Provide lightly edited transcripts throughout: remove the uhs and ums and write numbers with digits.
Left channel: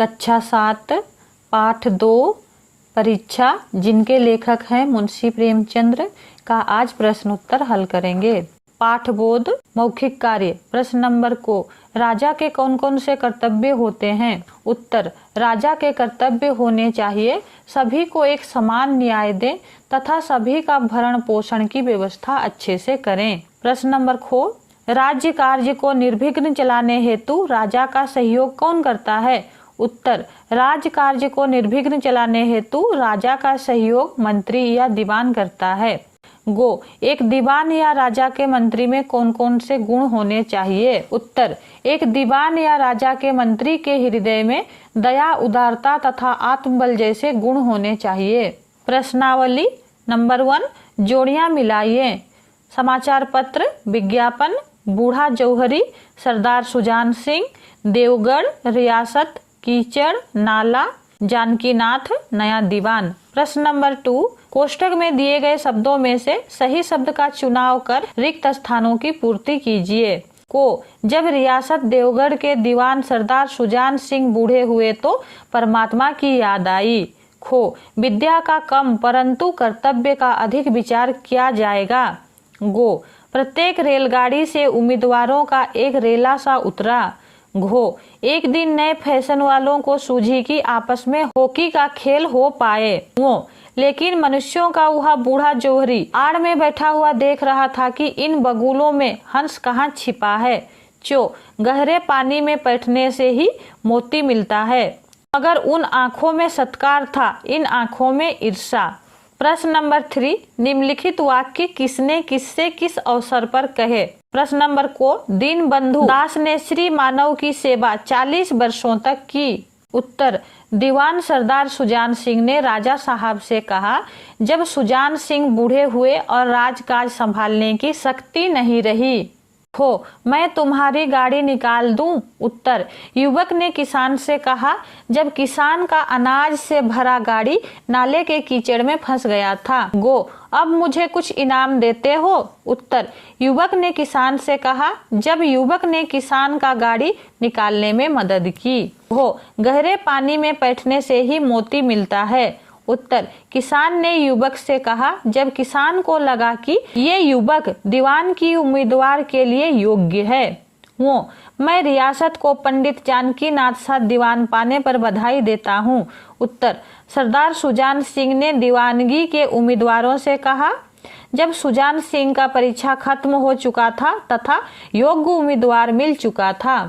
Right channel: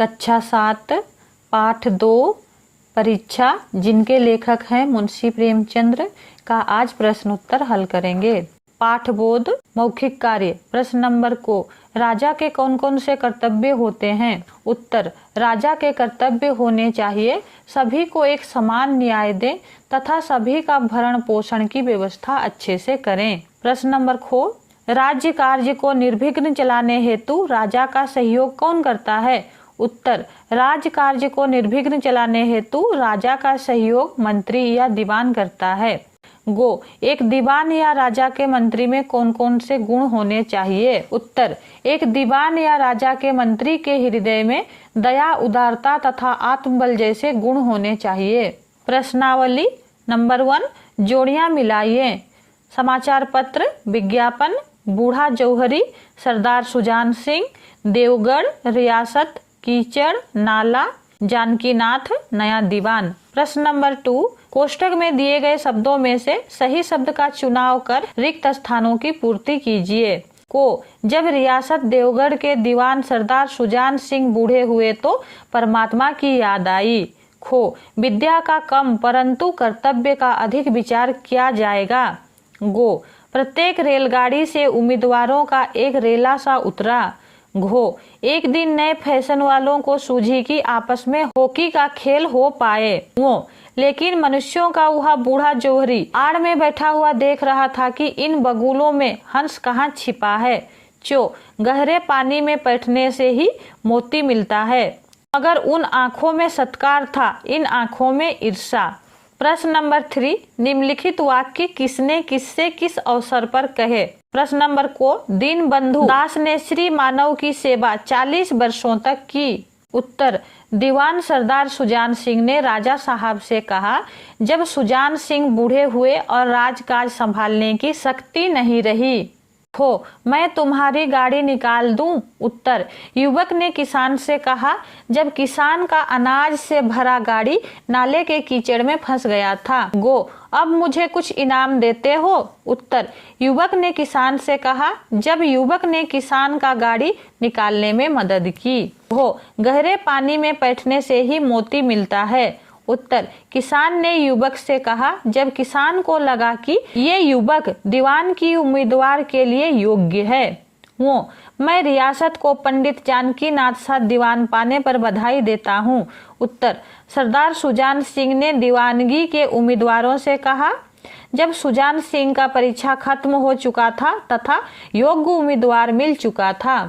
कक्षा 7 पाठ 2 परीक्षा, जिनके लेखक हैं मुंशी प्रेमचंद्र, का आज प्रश्न उत्तर हल करेंगे। पाठबोध मौखिक कार्य। प्रश्न नंबर को, राजा के कौन कौन से कर्तव्य होते हैं? उत्तर, राजा के कर्तव्य होने चाहिए सभी को एक समान न्याय दें तथा सभी का भरण पोषण की व्यवस्था अच्छे से करें। प्रश्न नंबर खो, राज्य कार्य को निर्विघ्न चलाने हेतु राजा का सहयोग कौन करता है? उत्तर, राज्य कार्य को निर्विघ्न चलाने हेतु राजा का सहयोग मंत्री या दीवान करता है। गो, एक दीवान या राजा के मंत्री में कौन कौन से गुण होने चाहिए? उत्तर, एक दीवान या राजा के मंत्री के हृदय में दया, उदारता तथा आत्मबल जैसे गुण होने चाहिए। प्रश्नावली नंबर 1, जोड़ियां मिलाइए। समाचार पत्र, विज्ञापन, बूढ़ा जौहरी, सरदार सुजान सिंह, देवगढ़ रियासत, कीचड़, नाला, जानकीनाथ, नया दीवान। प्रश्न नंबर 2, कोष्टक में दिए गए शब्दों में से सही शब्द का चुनाव कर रिक्त स्थानों की पूर्ति कीजिए। को, जब रियासत देवगढ़ के दीवान सरदार सुजान सिंह बूढ़े हुए तो परमात्मा की याद आई। खो, विद्या का कम परंतु कर्तव्य का अधिक विचार किया जाएगा। गो, प्रत्येक रेलगाड़ी से उम्मीदवारों का एक रेला सा उतरा। घो, एक दिन नए फैशन वालों को सूझी कि आपस में हॉकी का खेल हो पाए। वो, लेकिन मनुष्यों का वह बूढ़ा जौहरी आड़ में बैठा हुआ देख रहा था कि इन बगुलों में हंस कहाँ छिपा है। चो, गहरे पानी में बैठने से ही मोती मिलता है, मगर उन आँखों में सत्कार था, इन आँखों में ईर्षा। प्रश्न नंबर 3, निम्नलिखित वाक्य किसने किससे किस अवसर पर कहे? प्रश्न नंबर को, दीनबंधु दास ने श्री मानव की सेवा 40 वर्षों तक की। उत्तर, दीवान सरदार सुजान सिंह ने राजा साहब से कहा जब सुजान सिंह बूढ़े हुए और राजकाज संभालने की शक्ति नहीं रही। हो, मैं तुम्हारी गाड़ी निकाल दूं? उत्तर, युवक ने किसान से कहा जब किसान का अनाज से भरा गाड़ी नाले के कीचड़ में फंस गया था। गो, अब मुझे कुछ इनाम देते हो? उत्तर, युवक ने किसान से कहा जब युवक ने किसान का गाड़ी निकालने में मदद की। हो, गहरे पानी में बैठने से ही मोती मिलता है। उत्तर, किसान ने युवक से कहा जब किसान को लगा कि ये युवक दीवान की उम्मीदवार के लिए योग्य है। वो, मैं रियासत को पंडित जानकीनाथ सा दीवान पाने पर बधाई देता हूँ। उत्तर, सरदार सुजान सिंह ने दीवानगी के उम्मीदवारों से कहा जब सुजान सिंह का परीक्षा खत्म हो चुका था तथा योग्य उम्मीदवार मिल चुका था।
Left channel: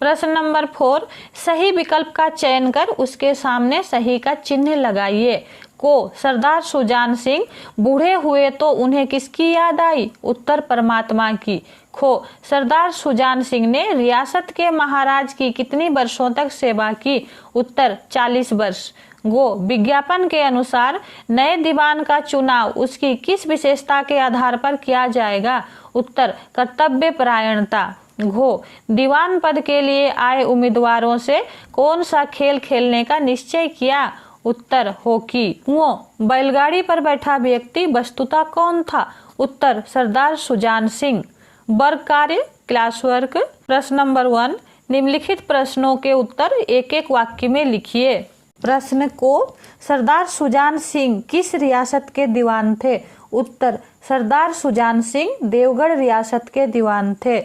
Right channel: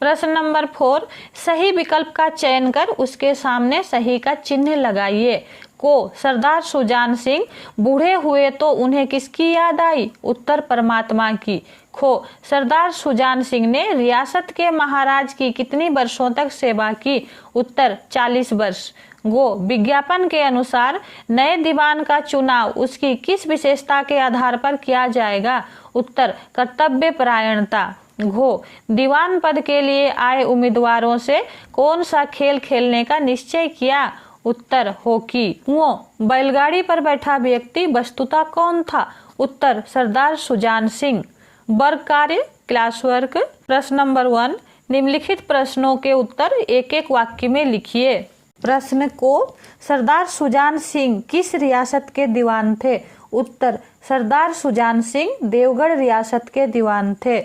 प्रश्न नंबर 4, सही विकल्प का चयन कर उसके सामने सही का चिन्ह लगाइए। को, सरदार सुजान सिंह बूढ़े हुए तो उन्हें किसकी याद आई? उत्तर, परमात्मा की। खो, सरदार सुजान सिंह ने रियासत के महाराज की कितनी वर्षों तक सेवा की? उत्तर, 40 वर्ष। गो, विज्ञापन के अनुसार नए दीवान का चुनाव उसकी किस विशेषता के आधार पर किया जाएगा? उत्तर, कर्तव्य परायणता। घो, दीवान पद के लिए आए उम्मीदवारों से कौन सा खेल खेलने का निश्चय किया? उत्तर, हॉकी। वो, बैलगाड़ी पर बैठा व्यक्ति वस्तुतः कौन था? उत्तर, सरदार सुजान सिंह। वर्ग कार्य, क्लास वर्क। प्रश्न नंबर 1, निम्नलिखित प्रश्नों के उत्तर एक एक वाक्य में लिखिए। प्रश्न को, सरदार सुजान सिंह किस रियासत के दीवान थे? उत्तर, सरदार सुजान सिंह देवगढ़ रियासत के दीवान थे।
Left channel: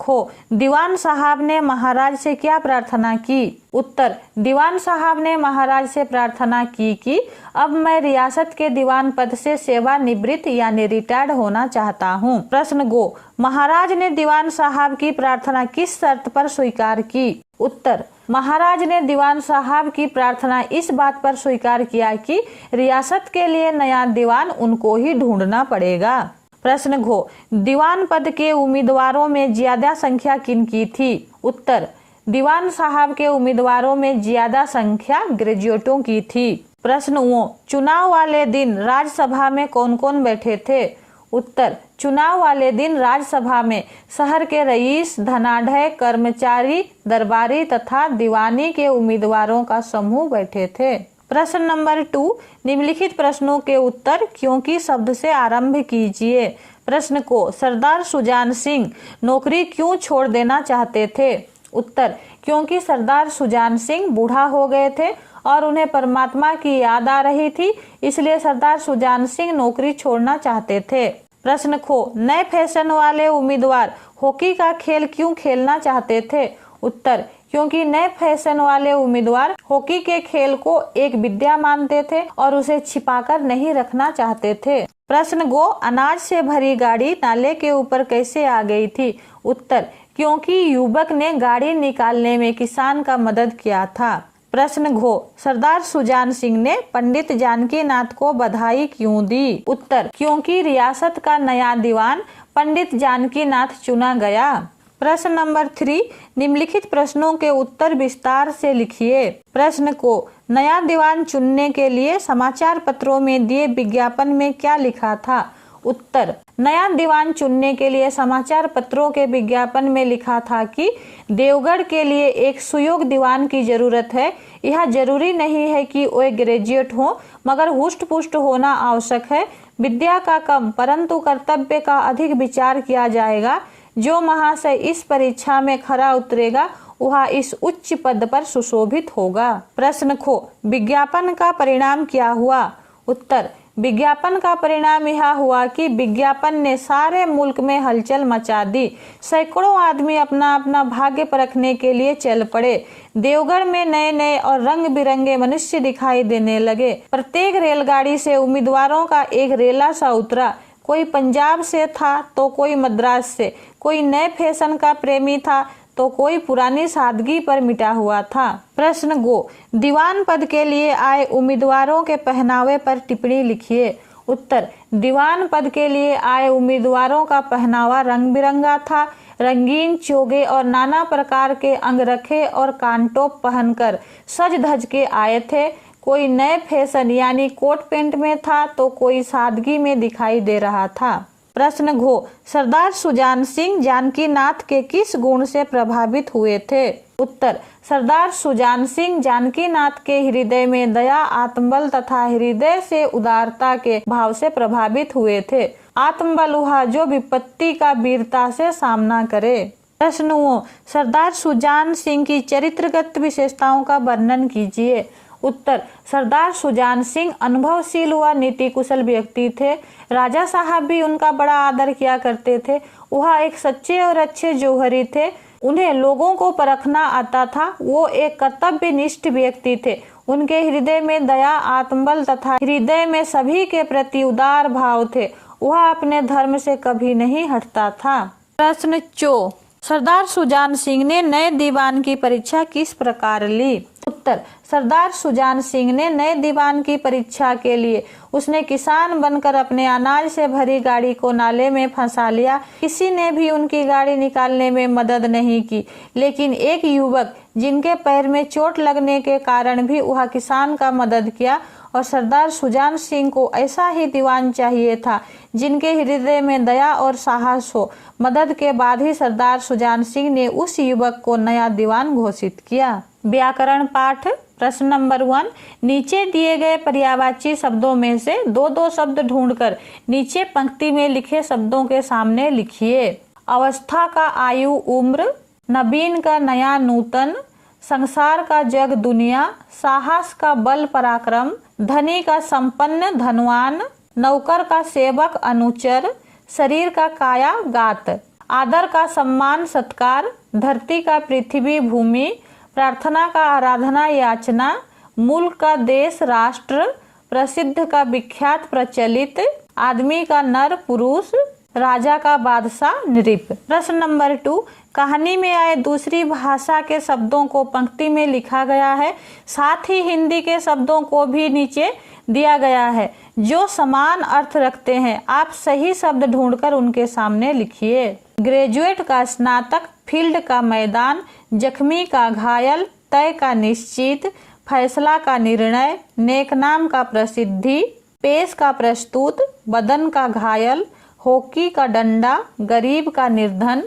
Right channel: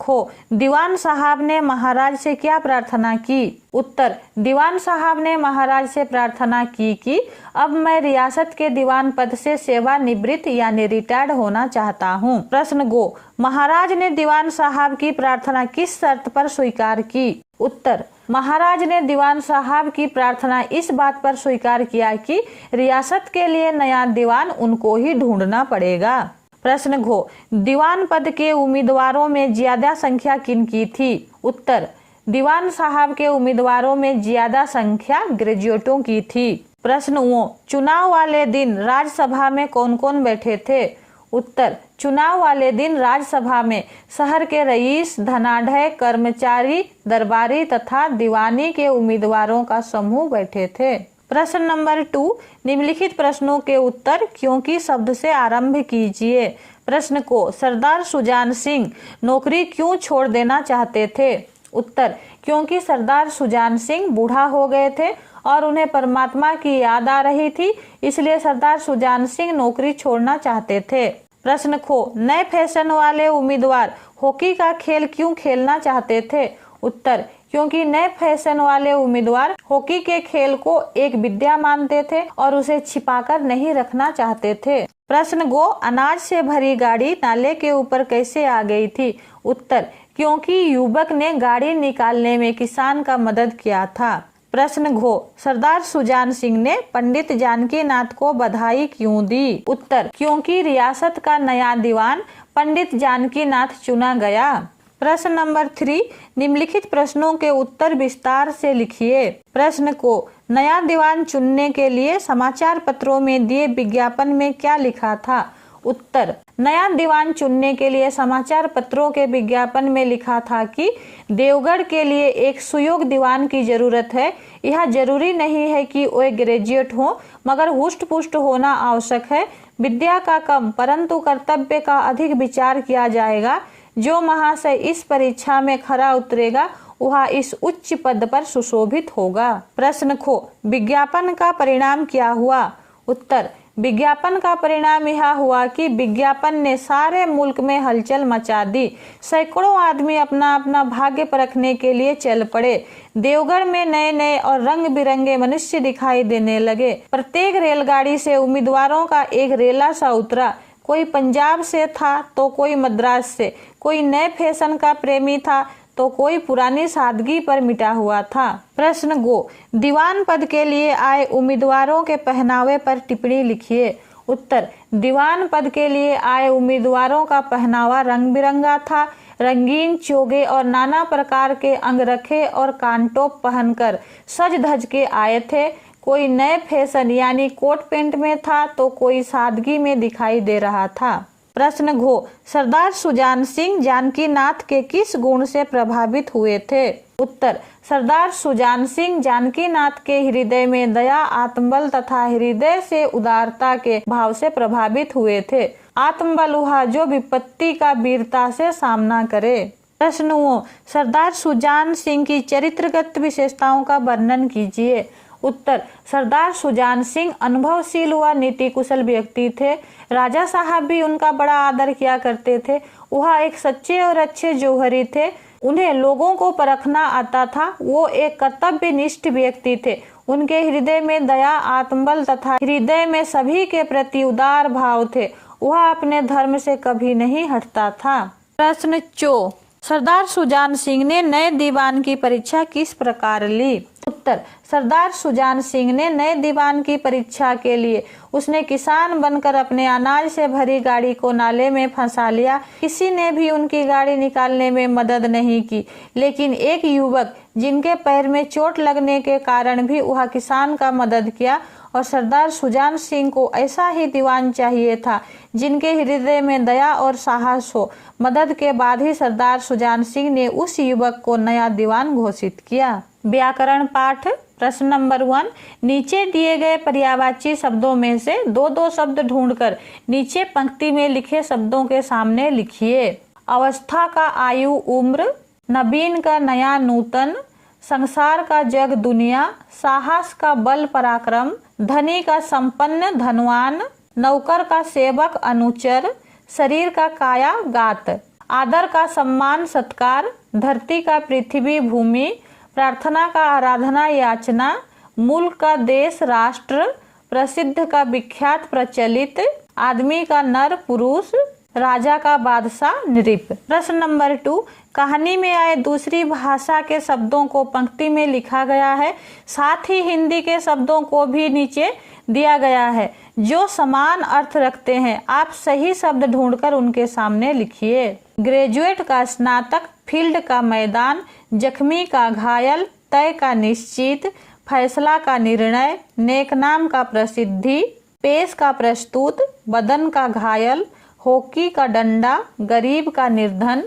खो, दीवान साहब ने महाराज से क्या प्रार्थना की? उत्तर, दीवान साहब ने महाराज से प्रार्थना की कि अब मैं रियासत के दीवान पद से सेवानिवृत्त यानी रिटायर्ड होना चाहता हूँ। प्रश्न गो, महाराज ने दीवान साहब की प्रार्थना किस शर्त पर स्वीकार की? उत्तर, महाराज ने दीवान साहब की प्रार्थना इस बात पर स्वीकार किया कि रियासत के लिए नया दीवान उनको ही ढूंढना पड़ेगा। प्रश्न घो, दीवान पद के उम्मीदवारों में ज्यादा संख्या किनकी थी? उत्तर, दीवान साहब के उम्मीदवारों में ज्यादा संख्या ग्रेजुएटों की थी। प्रश्न वो, चुनाव वाले दिन राज्यसभा में कौन कौन बैठे थे? उत्तर, चुनाव वाले दिन राज्यसभा में शहर के रईस, धनाढ़य, कर्मचारी, दरबारी तथा दीवानी के उम्मीदवारों का समूह बैठे थे। प्रश्न नंबर 2, निम्नलिखित प्रश्नों के उत्तर क्योंकि शब्द से आरंभ कीजिए। प्रश्न को, सरदार सुजान सिंह नौकरी क्यों छोड़ देना चाहते थे? उत्तर, क्योंकि सरदार सुजान सिंह बूढ़ा हो गए थे और उन्हें परमात्मा की याद आ रही थी, इसलिए सरदार सुजान सिंह नौकरी छोड़ना चाहते थे। प्रश्न खो, नए फैशन वाले उम्मीदवार हॉकी का खेल क्यों खेलना चाहते थे? उत्तर, क्योंकि नए फैशन वाले उम्मीदवार हॉकी के खेल को एक विद्या मानते थे और उसे छिपाकर नहीं रखना चाहते थे। प्रश्न गो, अनाज से भरी गाड़ी नाले के ऊपर कैसे आ गई थी? उत्तर, क्योंकि युवक ने गाड़ी निकालने में किसान का मदद किया था। प्रश्न घो, सरदार सुजान सिंह ने पंडित जानकी नाथ को बधाई क्यों दी? उत्तर, क्योंकि रियासत का नया दीवान पंडित जानकी नाथ चुना गया। प्रश्न नंबर 3, निम्नलिखित प्रश्नों के उत्तर विस्तार से लिखिए। प्रश्न को, नया दीवान चुनने के लिए समाचार पत्रों में दिए विज्ञापन में क्या लिखा था? उत्तर, नया दीवान चुनने के लिए समाचार पत्रों के विज्ञापन में लिखा था कि देवगढ़ के लिए एक सुयोग्य दीवान की जरूरत है। यह जरूरी नहीं है कि वे ग्रेजुएट हो, मगर हुष्ट पुष्ट होना आवश्यक है। विद्या का कम परंतु कर्तव्य का अधिक विचार किया जाएगा। जो महाशय इस परीक्षा में खरा उतरेगा वह इस उच्च पद पर सुशोभित होगा। प्रश्न खो, विज्ञापन का परिणाम क्या हुआ? उत्तर, विज्ञापन का परिणाम यह हुआ कि विज्ञापन ने सारे मुल्क में हलचल मचा दी। सैकड़ों आदमी अपना अपना भाग्य परखने के लिए चल पड़े। देवगढ़ में नए नए और रंग बिरंगे मनुष्य दिखाई देने लगे। प्रत्येक रेलगाड़ी से उम्मीदवारों का एक रेला सा उतरा। कोई पंजाब से था तो कोई मद्रास से, कोई नए फैशन का प्रेमी था तो कोई पुरानी सादगी पर मिटा हुआ था। प्रश्न गो, दीवान पद के लिए आए उम्मीदवारों के पहनावे पर टिप्पणी लिखिए। उत्तर, दीवान पद के लिए आए उम्मीदवारों का पहनावा रंग बिरंगा था। रंगीन चोगे और नाना प्रकार के अंगरखे और कानटोप पहनकर सज धज के आए थे। कोई नए फैशन यानी कोट पैंट में था तो कोई सादगी में दिखाई दे रहा था। प्रश्न घो, सरदार सुजान सिंह जानकी नाथ के किस गुण से प्रभावित हुए थे? उत्तर, सरदार सुजान सिंह जानकी नाथ के हृदय में दया, आत्मबल तथा हृदय से उदारता के भाव से प्रभावित हुए थे। आत्मबल वह जो विपत्ति का वीरता से सामना करे। प्रश्न, सरदार सुजान सिंह की चरित्रगत विशेषताओं का वर्णन कीजिए। उत्तर, सरदार सुजान सिंह अनुभवशील व नीति कुशल व्यक्ति थे। राजा साहब भी उनका बड़ा आदर किया करते थे। वह एक सच्चे और अच्छे जौहरी थे। उन्हें लोगों को परखना आता था। वो एक कर्तव्यनिष्ठ व्यक्ति थे। उनके हृदय में दया, आत्मबल तथा हृदय में सभी के प्रति उदार भाव थे। वह अपने धर्म से कभी नहीं हटता था। प्रश्न 4, सरदार सुजान सिंह ने नए दीवान की परीक्षा किस प्रकार ली? उत्तर, सरदार सुजान सिंह ने नए दीवान की परीक्षा के लिए उसने किसान बनकर अपने अनाज से भरी गाड़ी को नाले में फंसा लिया। किसी ने भी उनकी गाड़ी निकालने में मदद नहीं की, लेकिन एक युवक जिनके पैर में चोट लगने के कारण भी वह किसान का मदद किया। और सरदार सुजान सिंह को ऐसा ही दीवान चाहिए था जिनके हृदय में दया और साहस हो। मदद के बाद ही सरदार सुजान सिंह ने उस युवक को नया दीवान घोषित किया। व्याकरण पाठ। प्रश्न नंबर 1, नीचे दिए गए पर्यायवाची शब्दों में से दो दो शब्द ढूंढकर नीचे पंक्ति में लिखे शब्दों के सामने लिखिए। अवस्था का आयु उम्र, नवीन का नया नूतन, संसार का जग दुनिया, साहस का बल पराक्रम, धनी का संपन्न धनवान, नौकर का सेवक अनुचर, शरीर का काया गात, आदर का सम्मान सत्कार, धरती का पृथ्वी भूमि, प्रार्थना का आराधना याचना, मुल्क का देश राष्ट्र, प्रसिद्ध का विख्यात प्रचलित, आदमी का नर पुरुष, राजा का बादशाह नृप। प्रश्न नंबर 2, कहानी में आए दूसरी भाषा के शब्दों को पंक्ति में लिखा गया है। साथ ही हिंदी के शब्दों को भी नीचे दिया गया है जो समान अर्थ रखते हैं। आप सही शब्द ढूंढकर उनके सामने लिखिए। ग्रेजुएट का स्नातक, फील्ड का मैदान, जख्मी का घायल, तय का निश्चित, फैसला का निर्णय, नेकनाम का प्रसिद्धि, पेश का प्रस्तुत, बदन का घायल, हॉकी का डंडा, गरीब का निर्धन,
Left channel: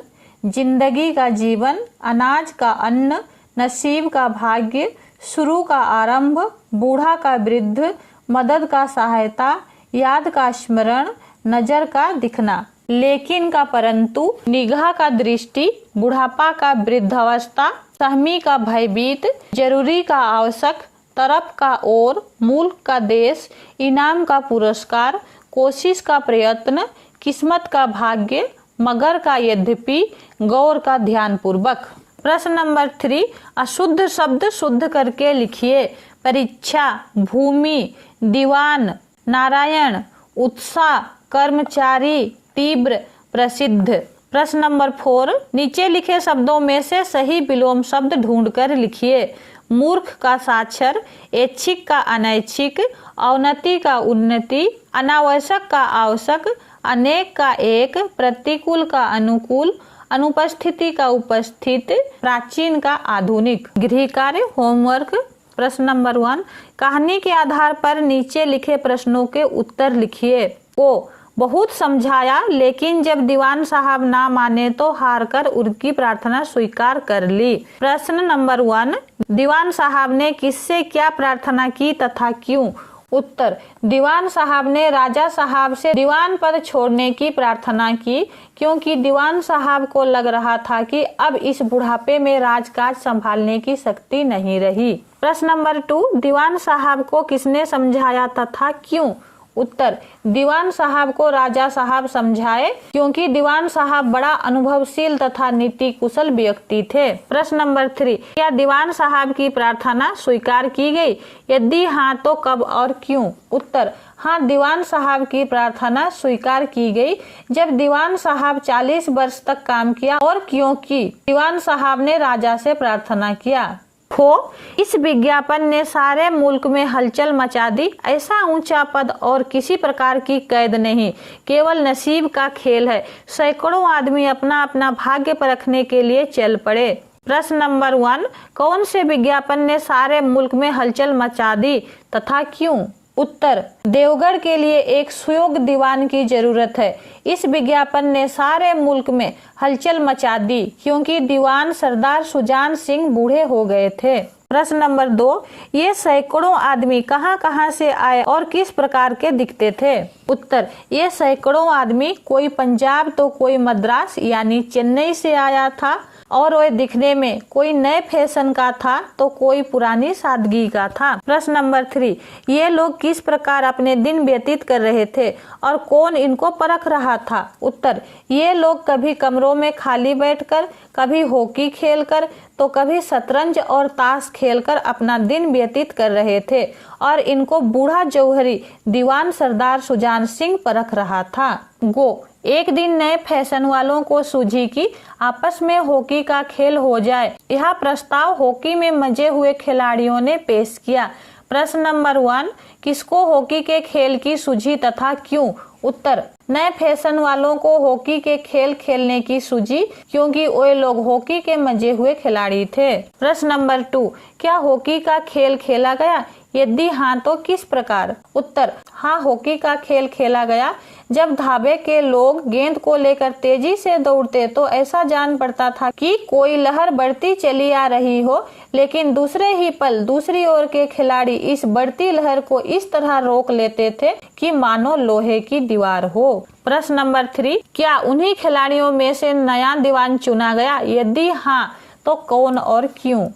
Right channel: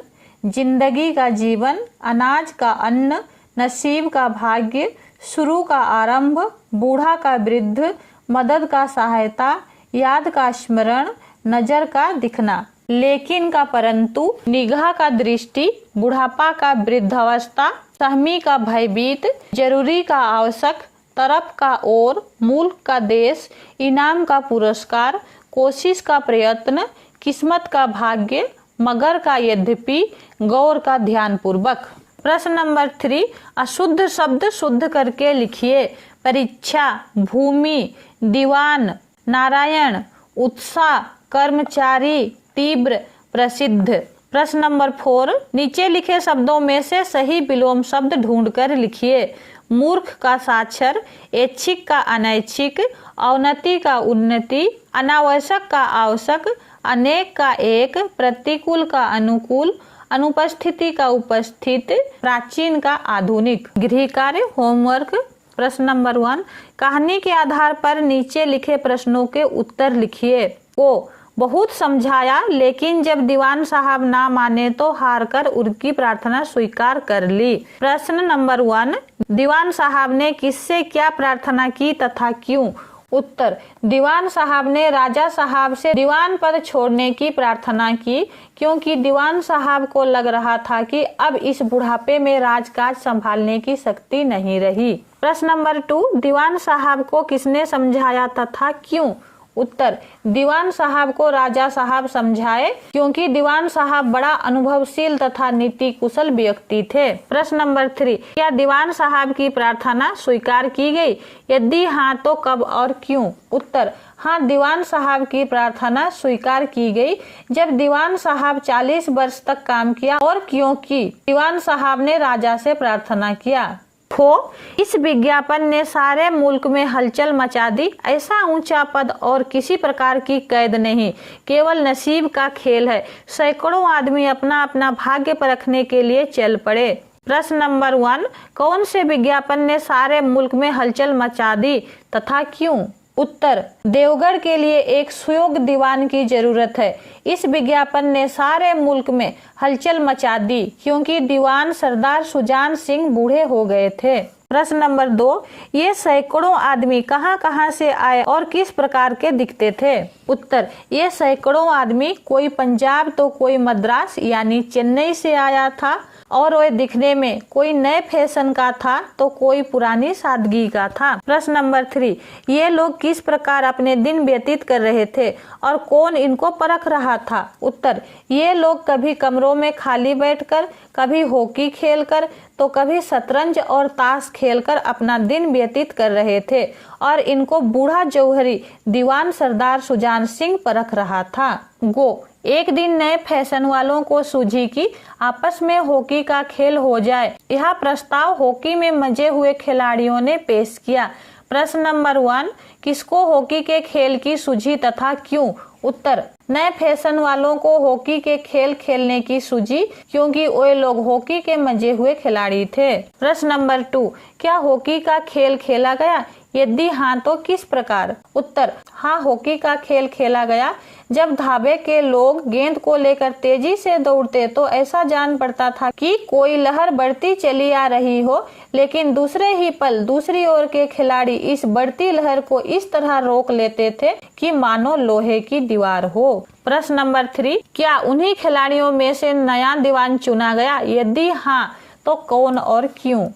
जिंदगी का जीवन, अनाज का अन्न, नसीब का भाग्य, शुरू का आरंभ, बूढ़ा का वृद्ध, मदद का सहायता, याद का स्मरण, नजर का दिखना। लेकिन का परंतु, निगाह का दृष्टि, बुढ़ापा का वृद्धावस्था, सहमी का भयभीत, जरूरी का आवश्यक, तरफ का और, मुल्क का देश, इनाम का पुरस्कार, कोशिश का प्रयत्न, किस्मत का भाग्य, मगर का यद्यपि, गौर का ध्यानपूर्वक। प्रश्न नंबर 3, अशुद्ध शब्द शुद्ध करके लिखिए। परीक्षा, भूमि, दीवान, नारायण, उत्साह, कर्मचारी, तीव्र, प्रसिद्ध। प्रश्न नंबर 4, नीचे लिखे शब्दों में से सही विलोम शब्द ढूंढकर लिखिए। मूर्ख का साक्षर, ऐच्छिक का अनैच्छिक, अवनति का उन्नति, अनावश्यक का आवश्यक, अनेक का एक, प्रतिकूल का अनुकूल, अनुपस्थिति का उपस्थित, प्राचीन का आधुनिक। गृह कार्य, होमवर्क। प्रश्न नंबर 1, कहानी के आधार पर नीचे लिखे प्रश्नों के उत्तर लिखिए। को बहुत समझाया, लेकिन जब दीवान साहब ना माने तो हार कर उनकी प्रार्थना स्वीकार कर ली। प्रश्न नंबर 1, दीवान साहब ने किससे क्या प्रार्थना की तथा क्यों? उत्तर, दीवान साहब ने राजा साहब से दीवान पद छोड़ने की प्रार्थना की, क्योंकि दीवान साहब को लग रहा था कि अब इस बुढ़ापे में राजकाज संभालने की शक्ति नहीं रही। प्रश्न नंबर 2, दीवान साहब को किसने समझाया तथा क्यों? उत्तर, दीवान साहब को राजा साहब समझाए, क्योंकि दीवान साहब बड़ा अनुभवशील तथा नीति कुशल व्यक्ति थे। प्रश्न नंबर 3, क्या दीवान साहब की प्रार्थना स्वीकार की गई? यदि हाँ तो कब और क्यों? उत्तर, हाँ, दीवान साहब की प्रार्थना स्वीकार की गई जब दीवान साहब 40 वर्ष तक काम किया और क्योंकि दीवान साहब ने राजा से प्रार्थना किया। इस विज्ञापन ने सारे मुल्क में हलचल मचा दी। ऐसा ऊंचा पद और किसी प्रकार की कैद नहीं, केवल नसीब का खेल है। सैकड़ों आदमी अपना अपना भाग्य परखने के लिए चल पड़े। प्रश्न नंबर 1, कौन से विज्ञापन ने सारे मुल्क में हलचल मचा दी तथा क्यों? उत्तर, देवगढ़ के लिए एक सुयोग्य दीवान की जरूरत है। इस विज्ञापन ने सारे मुल्क में हलचल मचा दी, क्योंकि दीवान सरदार सुजान सिंह बूढ़े हो गए थे। प्रश्न नंबर 2, ये सैकड़ों आदमी कहां कहां से आए और किस प्रकार के दिखते थे? उत्तर, ये सैकड़ों आदमी कोई पंजाब तो कोई मद्रास यानी चेन्नई से आया था, और वह दिखने में कोई नए फैशन का था तो कोई पुरानी सादगी का था। प्रश्न नंबर 3, ये लोग किस प्रकार अपने दिन व्यतीत कर रहे थे और कौन इनको परख रहा था? उत्तर, ये लोग कभी कमरों में खाली बैठकर, कभी हॉकी खेलकर, तो कभी शतरंज और ताश खेलकर अपना दिन व्यतीत कर रहे थे, और इनको बूढ़ा जौहरी दीवान सरदार सुजान सिंह परख रहा था। एक दिन नए फैशन वालों को सूझी कि आपस में हॉकी का खेल हो जाए। यह प्रस्ताव हॉकी में मजे हुए खिलाड़ियों ने पेश किया। प्रश्न नंबर 1, किसको हॉकी के खेल की सूझी तथा क्यों? उत्तर, नए फैशन वालों को हॉकी के खेल खेलने की सूझी, क्योंकि वे लोग हॉकी के मजे हुए खिलाड़ी थे। प्रश्न नंबर 2, क्या हॉकी का खेल खेला गया? यदि हाँ तो किस प्रकार? उत्तर, हाँ, हॉकी का खेल खेला गया। जब धाबे के लोग गेंद को लेकर तेजी से दौड़ते तो ऐसा जान पड़ता था कि कोई लहर बढ़ती चली आ रही हो, लेकिन दूसरे ही पल दूसरी ओर के खिलाड़ी इस बढ़ती लहर को इस तरह रोक लेते थे कि मानो लोहे की दीवार हो। प्रश्न नंबर 3, क्या उन्हीं खिलाड़ियों में से नया दीवान चुना गया? यदि हाँ तो कौन और क्यों?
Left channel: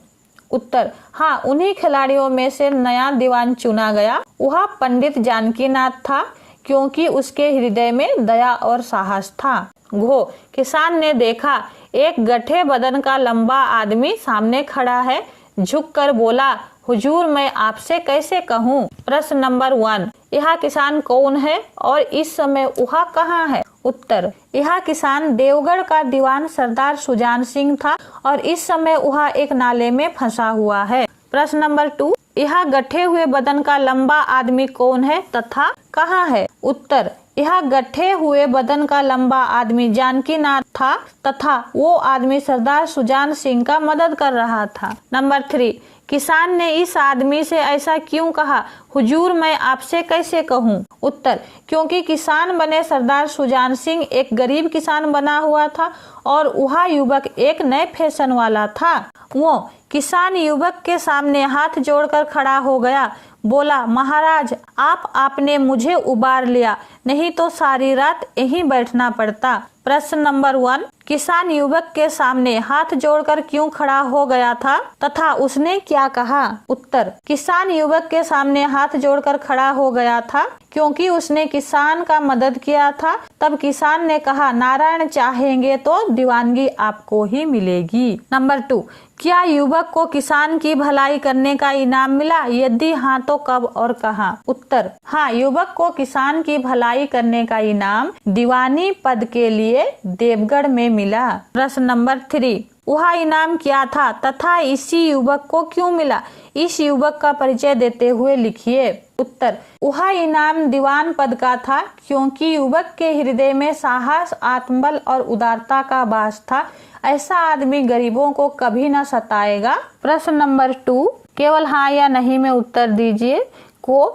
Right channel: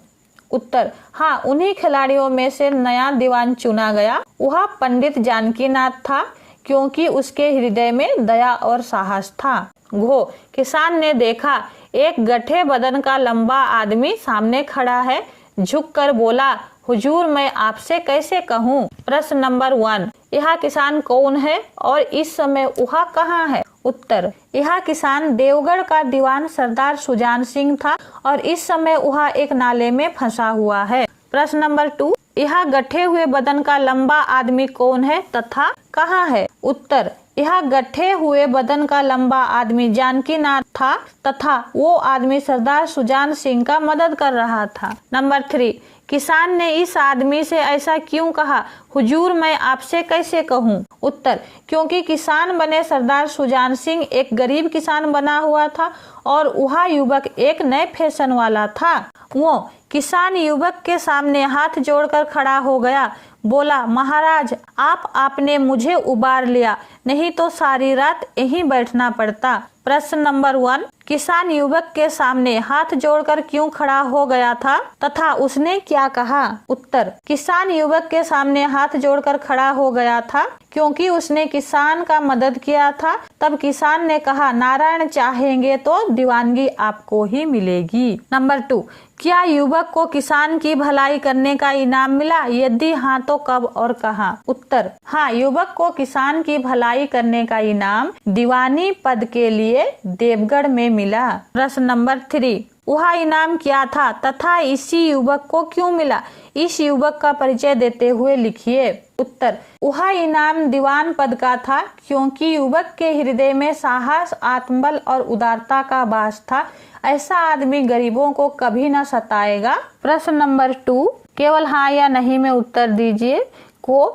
उत्तर, हाँ, उन्हीं खिलाड़ियों में से नया दीवान चुना गया। वह पंडित जानकीनाथ था, क्योंकि उसके हृदय में दया और साहस था। किसान ने देखा, एक गठे बदन का लंबा आदमी सामने खड़ा है। झुककर बोला, हुजूर, मैं आपसे कैसे कहूँ? प्रश्न नंबर 1, यह किसान कौन है और इस समय वह कहाँ है? उत्तर, यह किसान देवगढ़ का दीवान सरदार सुजान सिंह था और इस समय वह एक नाले में फंसा हुआ है। प्रश्न नंबर 2, यह गठे हुए बदन का लंबा आदमी कौन है तथा कहाँ है? उत्तर, यह गठे हुए बदन का लंबा आदमी जानकीनाथ था तथा वो आदमी सरदार सुजान सिंह का मदद कर रहा था। नंबर 3, किसान ने इस आदमी से ऐसा क्यों कहा? हुजूर, मैं आपसे कैसे कहूँ? उत्तर, क्योंकि किसान बने सरदार सुजान सिंह एक गरीब किसान बना हुआ था और वह युवक एक नए फैशन वाला था। वो किसान युवक के सामने हाथ जोड़कर खड़ा हो गया, बोला, महाराज, आपने मुझे उबार लिया, नहीं तो सारी रात यहीं बैठना पड़ता। प्रश्न नंबर 1, किसान युवक के सामने हाथ जोड़कर क्यों खड़ा हो गया था तथा उसने क्या कहा? उत्तर, किसान युवक के सामने हाथ जोड़कर खड़ा हो गया था क्योंकि उसने किसान का मदद किया था। तब किसान ने कहा, नारायण चाहेंगे तो दीवानगी आपको ही मिलेगी। नंबर 2, क्या युवक को किसान की भलाई करने का इनाम मिला? यदि हाँ तो कब और कहाँ? उत्तर, हाँ, युवक को किसान की भलाई करने का इनाम दीवानी पद के लिए देवगढ़ में मिला। प्रश्न नंबर 3, वह इनाम क्या था तथा इसी युवक को क्यों मिला? इस युवक का परिचय देते हुए लिखिए। उत्तर, वह इनाम दीवान पद का था क्योंकि युवक के हृदय में साहस, आत्मबल और उदारता का वास था। ऐसा आदमी गरीबों को कभी न सताएगा। प्रश्न नंबर 2, केवल हाँ या नहीं में उत्तर दीजिए। को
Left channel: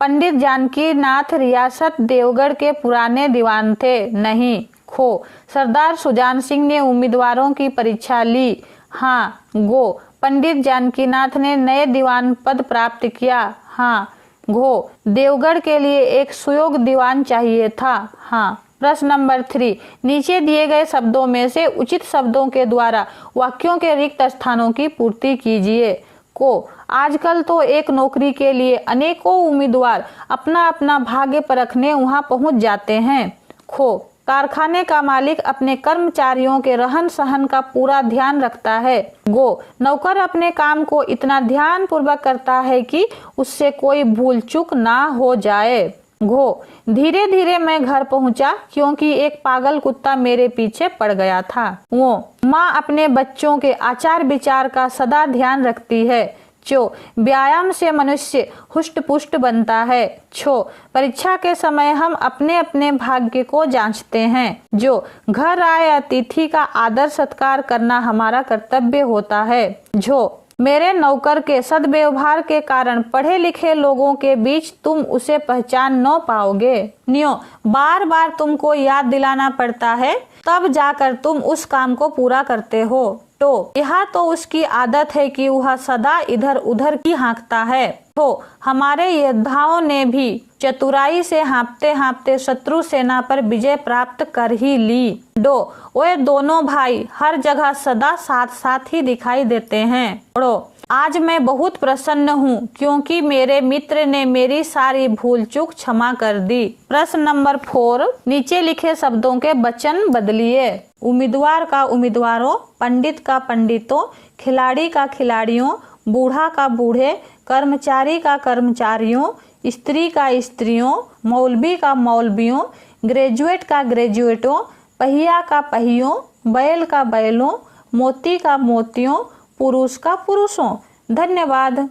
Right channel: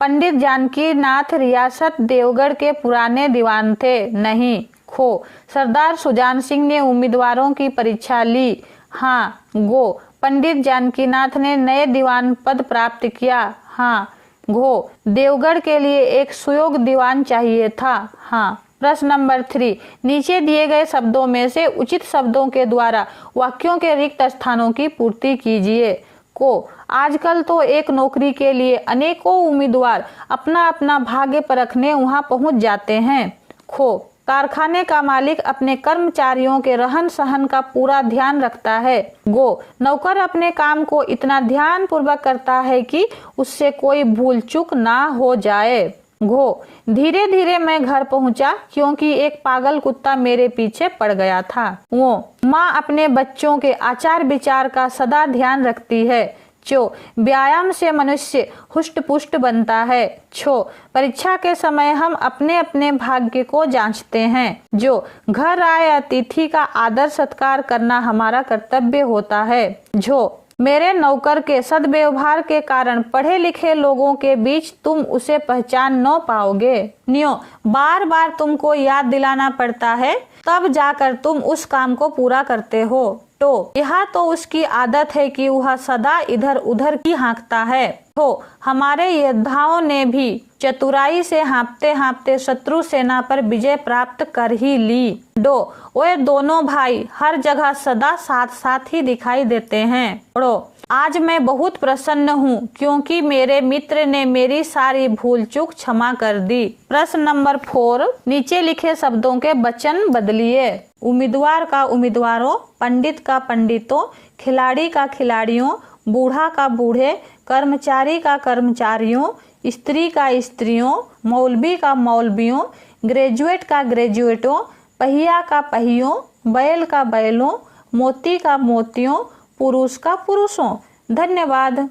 पंडित जानकी नाथ रियासत देवगढ़ के पुराने दीवान थे? नहीं। खो सरदार सुजान सिंह ने उम्मीदवारों की परीक्षा ली? हाँ। गो पंडित जानकीनाथ ने नए दीवान पद प्राप्त किया? हाँ। घो देवगढ़ के लिए एक सुयोग्य दीवान चाहिए था? हाँ। प्रश्न नंबर 3, नीचे दिए गए शब्दों में से उचित शब्दों के द्वारा वाक्यों के रिक्त स्थानों की पूर्ति कीजिए। को आजकल तो एक नौकरी के लिए अनेकों उम्मीदवार अपना अपना भाग्य परखने वहां पहुंच जाते हैं। खो कारखाने का मालिक अपने कर्मचारियों के रहन सहन का पूरा ध्यान रखता है। गो नौकर अपने काम को इतना ध्यान पूर्वक करता है कि उससे कोई भूल चूक ना हो जाए। घो धीरे धीरे मैं घर पहुंचा क्योंकि एक पागल कुत्ता मेरे पीछे पड़ गया था। वो माँ अपने बच्चों के आचार विचार का सदा ध्यान रखती है। चो व्यायाम से मनुष्य हुष्ट पुष्ट बनता है। छो परीक्षा के समय हम अपने अपने भाग्य को जांचते हैं। जो घर आए अतिथि का आदर सत्कार करना हमारा कर्तव्य होता है। झो मेरे नौकर के सद्व्यवहार के कारण पढ़े लिखे लोगों के बीच तुम उसे पहचान न पाओगे। नियो बार बार तुमको याद दिलाना पड़ता है, तब जाकर तुम उस काम को पूरा करते हो। तो यह तो उसकी आदत है कि वह सदा इधर उधर की हाँकता है। तो हमारे योद्धाओं ने भी चतुराई से हाँपते हाँपते शत्रु सेना पर विजय प्राप्त कर ही ली। डो वे दोनों भाई हर जगह सदा साथ साथ ही दिखाई देते हैं। आज मैं बहुत प्रसन्न हूँ क्योंकि मेरे मित्र ने मेरी सारी भूल चूक क्षमा कर दी। प्रश्न नंबर 4, नीचे लिखे शब्दों के वचन बदलिए। उम्मीदवार का उम्मीदवारों, पंडित का पंडितों, खिलाड़ी का खिलाड़ियों, बूढ़ा का बूढ़े, कर्मचारी का कर्मचारियों, स्त्री का स्त्रियों, मौलवी का मौलवियों, ग्रेजुएट का ग्रेजुएटों, पहिया का पहियों, बैल का बैलों, मोती का मोतियों, पुरुष का पुरुषों। धन्यवाद।